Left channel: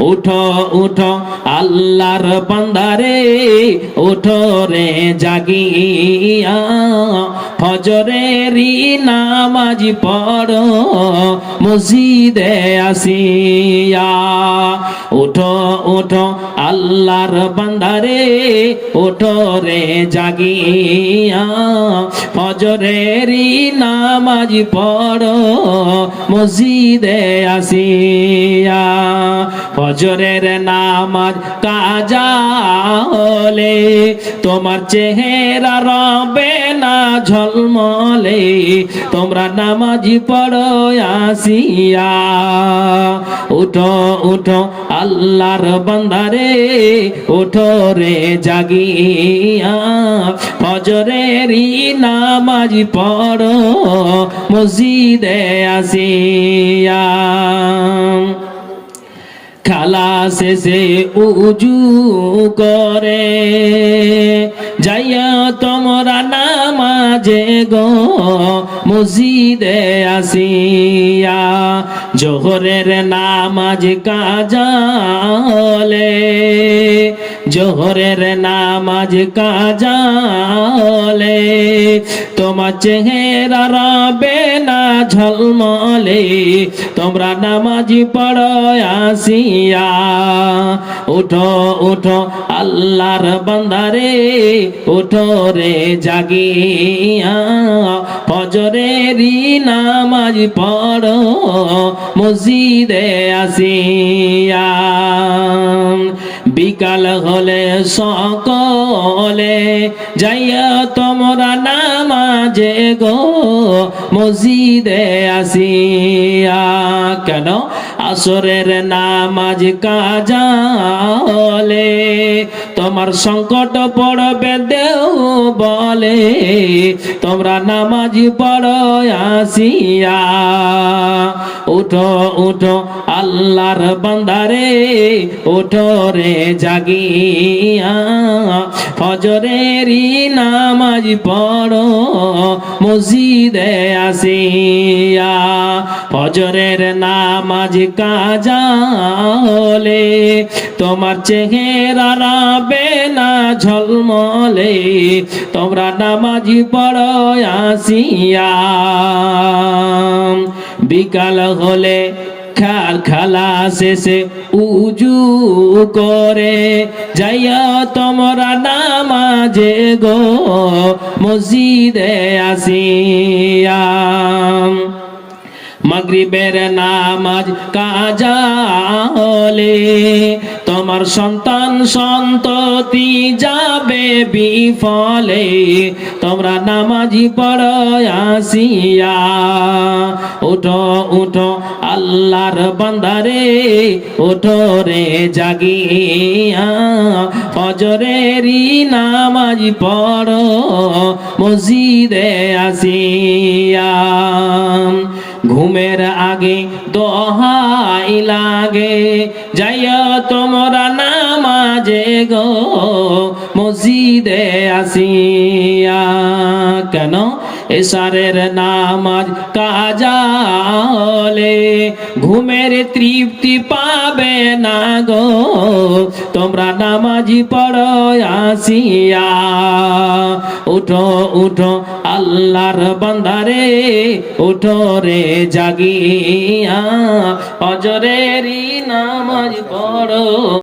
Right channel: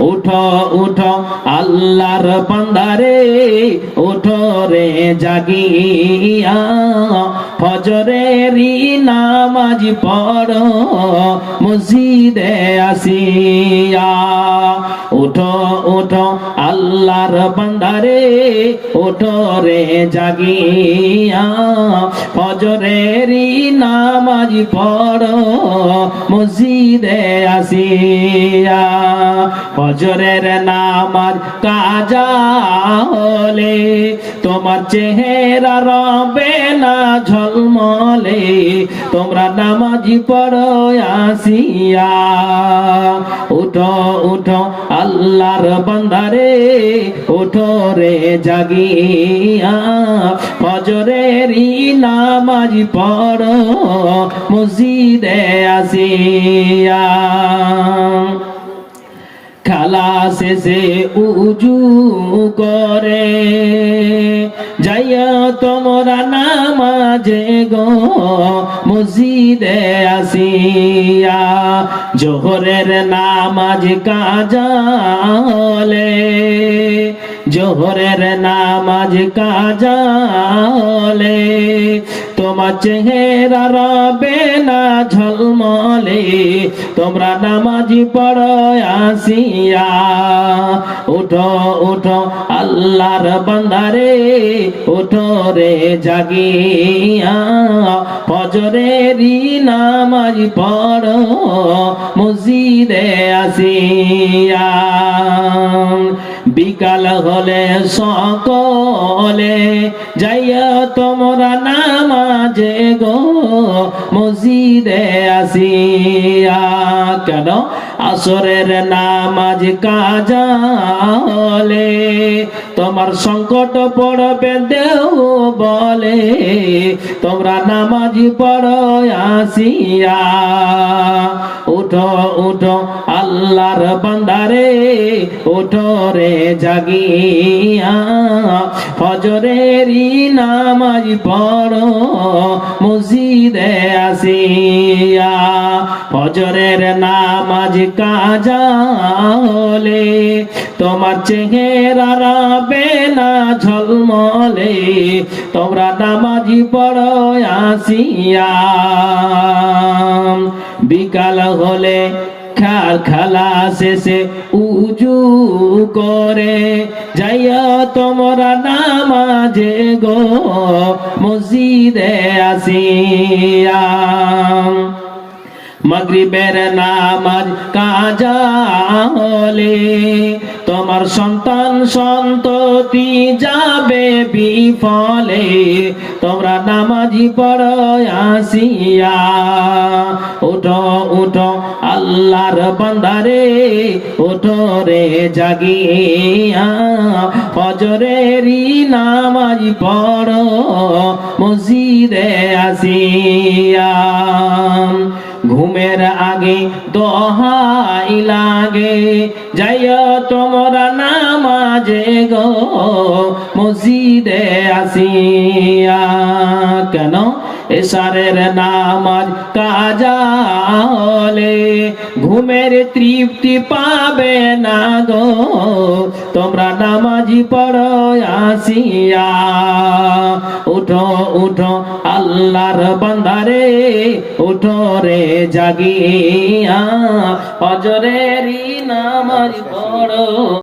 উঠো উঠো, আল্লাহর বান্দারে, উঠো রে জাগিয়া। ফজরেরই নামাজ পড়ো, মসজিদে আসিয়া। উঠো উঠো, আল্লাহর বান্দারে, উঠো রে জাগিয়া। ফজরেরই নামাজ পড়ো, মসজিদে আসিয়া। ফজরের নামাজ কাজা হলে তোমার চেহারা রবে না ঝলমলে, তোমরা নামাজি পড়ো আসিয়া। উঠো উঠো আল্লাহর বান্দারে, উঠো রে জাগিয়া। ফজরেরই নামাজ পড়ো, মসজিদে আসিয়া। খালা শেষে উজু করে, যাইয়া তোমরা নামাজে গো, মসজিদে আসিয়া। জোহরের নামাজ কাজালে, জোহরের নামাজ কাজালে তোমার চেহারা রবে ঝলমলে। তোমরা নামাজি পড়ো আসিয়া। উঠো উঠো আল্লাহর বান্দারে, উঠো রে জাগিয়া। ফজরেরই নামাজ পড়ো, মসজিদে আসিয়া। বিকাল হলে সকলে যাইয়া তোমরা নামাজে গো মসজিদে আসিয়া কেন আসরের নামাজ কাজালে? তোমার সংকট পড়বে দেও বলে। তোমরা নামাজ পড়ো আসিয়া। উঠো উঠো আল্লাহর বান্দারে উঠো রে জাগিয়া। ফজরেরই নামাজ পড়ো মসজিদে আসিয়া। ফজরের নামাজ কাজালে, তোমার চেহারা রবে না ঝলমলে, তোমরা নামাজি পড়ো আসিয়া। বিকাল হলে খার খালা শেষে উজু করে, যাইয়া তোমরা নামাজে গো মসজিদে আসিয়া। মাগরিবের নামাজ কাজা হলে তোমার সন্তান সন্ততি যাবে বিফলে, তোমরা নামাজি পড়ো আসিয়া, উঠো উঠো আল্লাহর বান্দারে, উঠো রে জাগিয়া, ফজরেরই নামাজ পড়ো, মসজিদে আসিয়া। ঘুমের আগে দোহাই লাগে। যাইয়া তোমরা নামাজে গো, মসজিদে আসিয়া। কেন? এসারের নামাজ কাজালে ঘুমের তৃপ্তি পাবে না গো। তোমরা নামাজি পড়ো, আসিয়া। উঠো উঠো আল্লাহর বান্দারে উঠরে জাগিয়া অজরেরই নামাজ পড়ো।